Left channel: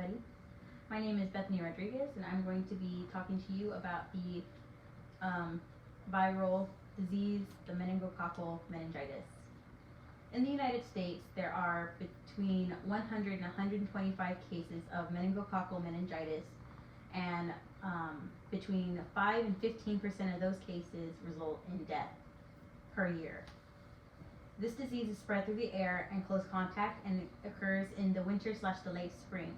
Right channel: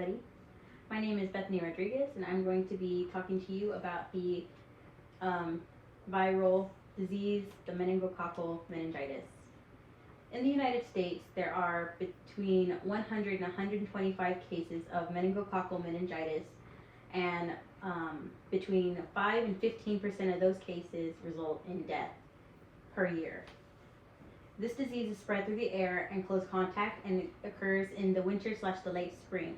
everybody. My name is Bethany Rodriguez, and I'm going to be talking to you about the um, viral disease, the meningococcal meningitis. In the United States, there are between 100 and 125 cases of meningococcal meningitis, and between 5 and 15% of those cases result in death per year. This disease is spread through the air and close contact, and it occurs in the winter/the late spring.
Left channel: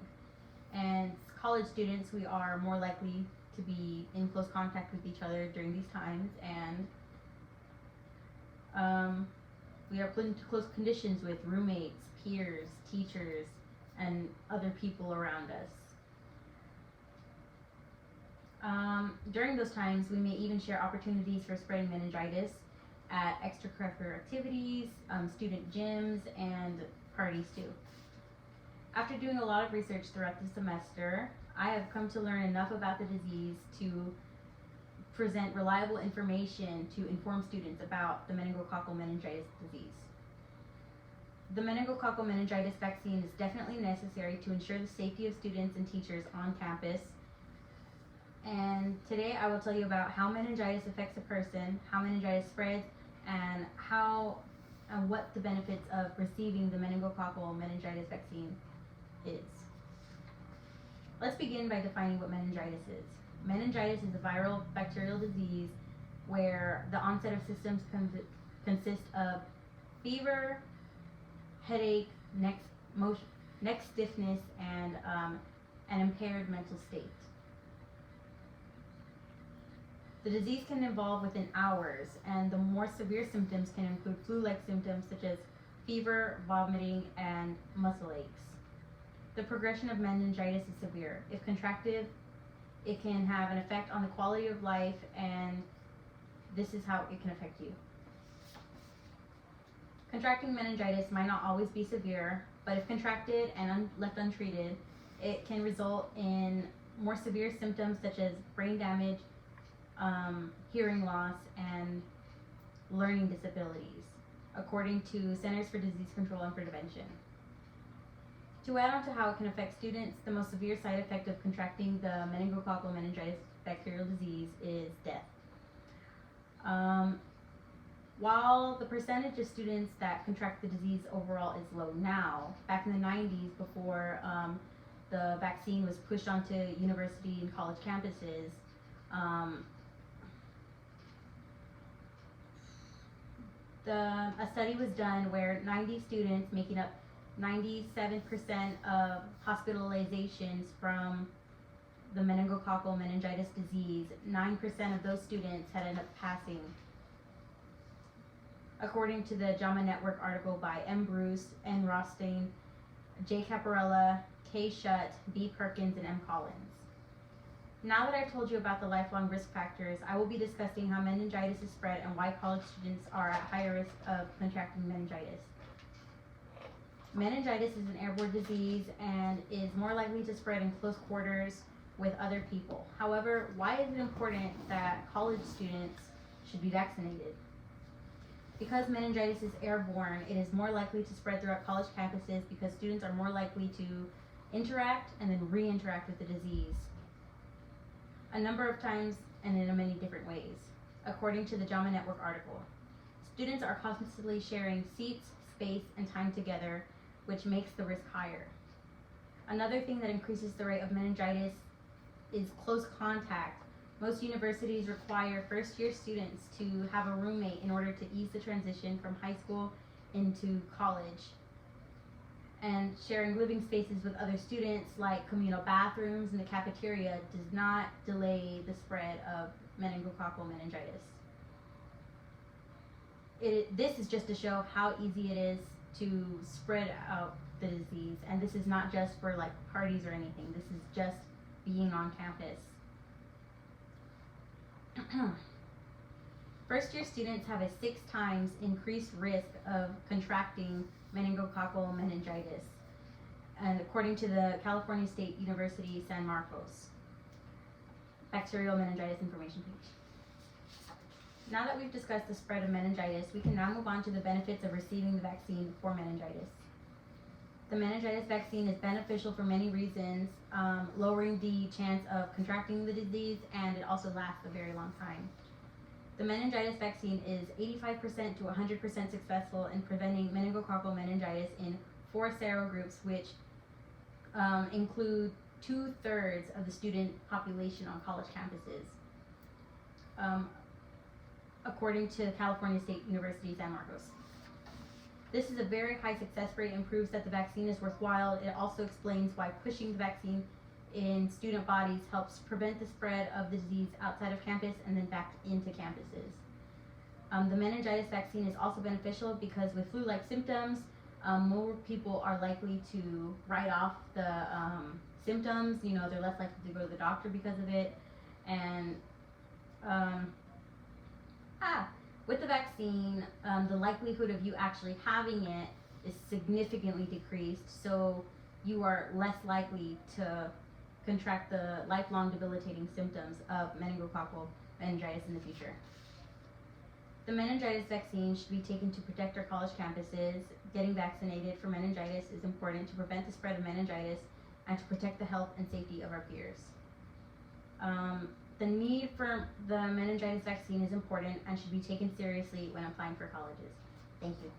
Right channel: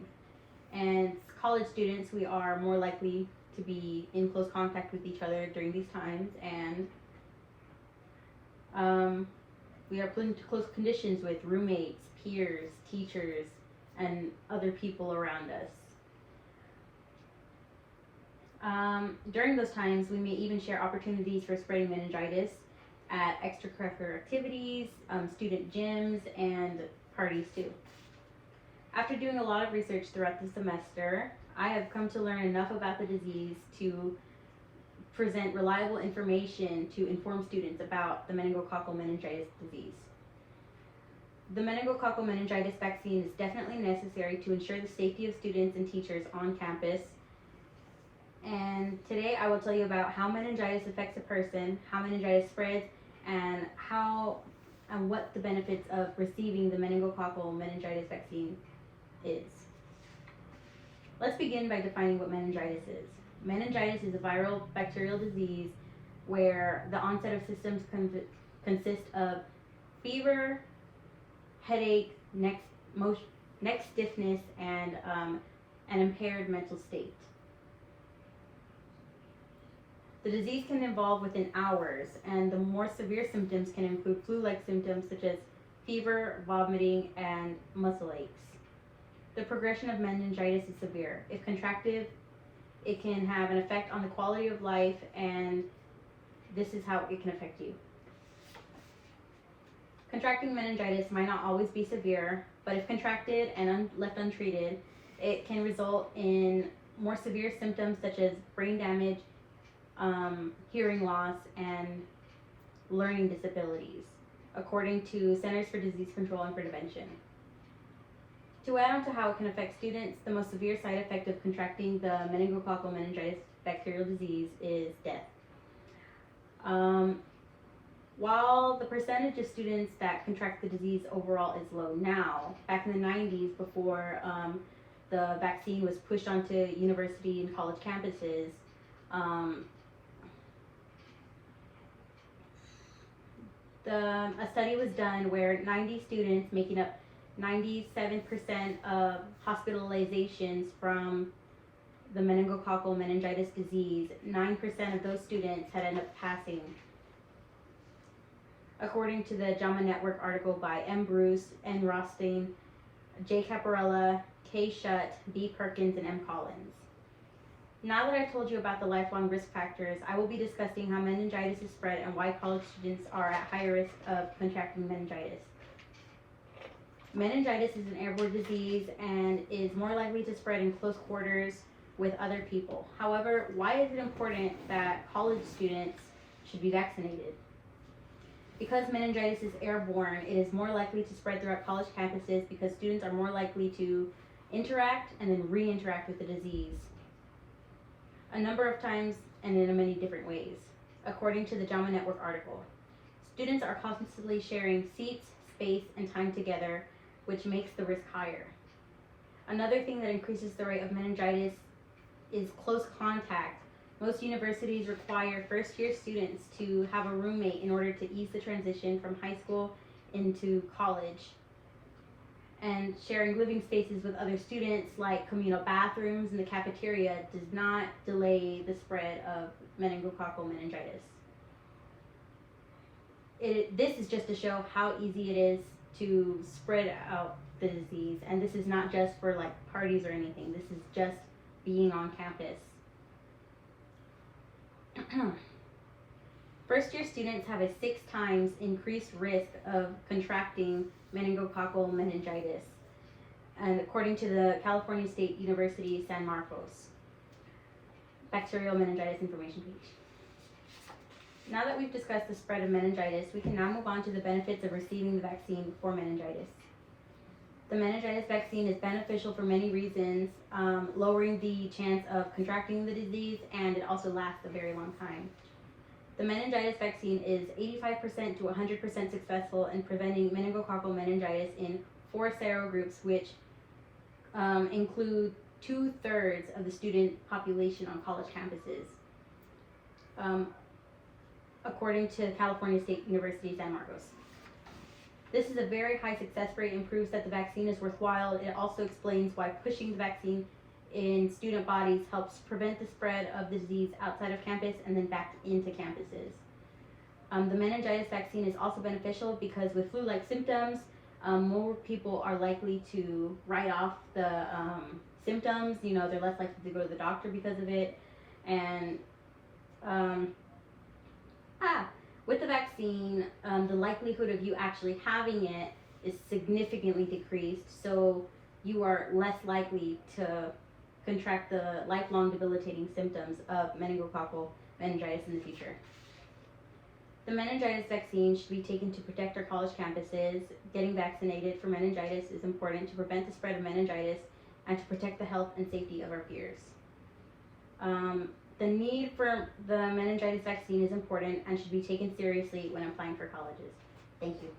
And college students, we are more likely to be in close contact with each other during these times, and we are put into close conditions with roommates, peers, teachers, and other people around us. During those times, we may even share opportunities for spreading meningitis at extracurricular activities, student gyms, and parties too. After doing a lot of research throughout the semester, I have come to learn enough about the disease to present reliable information to inform students about the meningococcal meningitis disease. The meningococcal meningitis vaccine is definitely necessary to ensure the safety of students and teachers on campus. And today I will tell you about how meningitis affects a person, how meningitis spreads, and what the benefits of receiving the meningococcal meningitis vaccine is. Let's begin by defining what meningitis is. Meningitis is a viral bacterial disease where the onset of symptoms consist of fever, headache, neck stiffness, and an impaired mental state. The disease can evolve within hours, and the more severe symptoms can include flu-like symptoms such as fever, vomiting, and muscle aches. The progression of meningitis is severe. If contracted, it can have an effect on the quality of life, and this is how it can affect you. Contracting meningitis might not always be severe, but if contracted and left untreated, it can result in more severe symptoms such as brain damage, hearing loss, and learning disabilities, according to Centers for Disease Control and Prevention. To add on to how it can affect students, the most severe side effect of contracting the meningococcal meningitis bacterial disease is death. While the percentage of students that contract the disease overall is low now, back in the 90s, before the vaccine was pushed onto university and college campuses, a study was done where 90 students, making up 97% of hospitalizations from the meningococcal meningitis disease, 9% of those students had ended up passing. According to the JAMA Network article by M. Bruce, N. Rothstein, J. Caparella, K. Shutt, B. Perkins, and M. Collins. Now that I've told you about the lifelong risk factors, I will be discussing how meningitis is spread and why college students are at higher risk of contracting meningitis. Meningitis is an airborne disease and is more likely to spread in close quarters with other people. However, why is it important that college students should be vaccinated? Because meningitis is airborne, it is more likely to spread throughout college campuses because students are more likely to interact and then re-interact with the disease a number of times and in many different ways. According to the JAMA Network article, students are constantly sharing seats, space, and time together, which makes the risk higher. Another thing that increases the rate of meningitis is close contact. Most universities require first-year students to have a roommate in order to ease the transition from high school into college. And sharing living spaces with other students, like communal bathrooms and the cafeteria, does not delay the spread of meningococcal meningitis. This is just to show how easy it is to spread out the disease, and this is not just for like parties or anything. This is just being on campus. First-year students have a 6 times increased risk of contracting meningococcal meningitis, and according to the California State University San Marcos bacterial meningitis information page. Now that we've discussed the spread of meningitis, we can now move on to the benefits of receiving the vaccine for meningitis. The meningitis vaccine is beneficial for many reasons, lowering the chance of contracting the disease, and it also lasts a very long time. The meningitis vaccine is 85% to 100% successful in preventing meningococcal meningitis in 4 serogroups, which include 2/3 of the student population on college campuses, according to California State University, San Marcos. This is a very high success rate and proves that the vaccine is worthwhile. It also explains why pushing the vaccine in student bodies helps prevent the spread of the disease outside of campus and then back into campuses. The meningitis vaccine is also beneficial because with flu-like symptoms, more people are likely to write off the symptoms. You know, they're less likely to go to the doctor because of it. And with the vaccine, the likelihood of you actually having it is significantly decreased, so you are less likely to contract the lifelong debilitating symptoms of meningococcal meningitis in the future. The meningitis vaccine should be taken to protect our college campuses. Getting vaccinated for meningitis is important to prevent the spread of meningitis and to protect the health and safety of our peers. The need for the meningitis vaccine is important and should be taken seriously when applying for colleges. Thank you.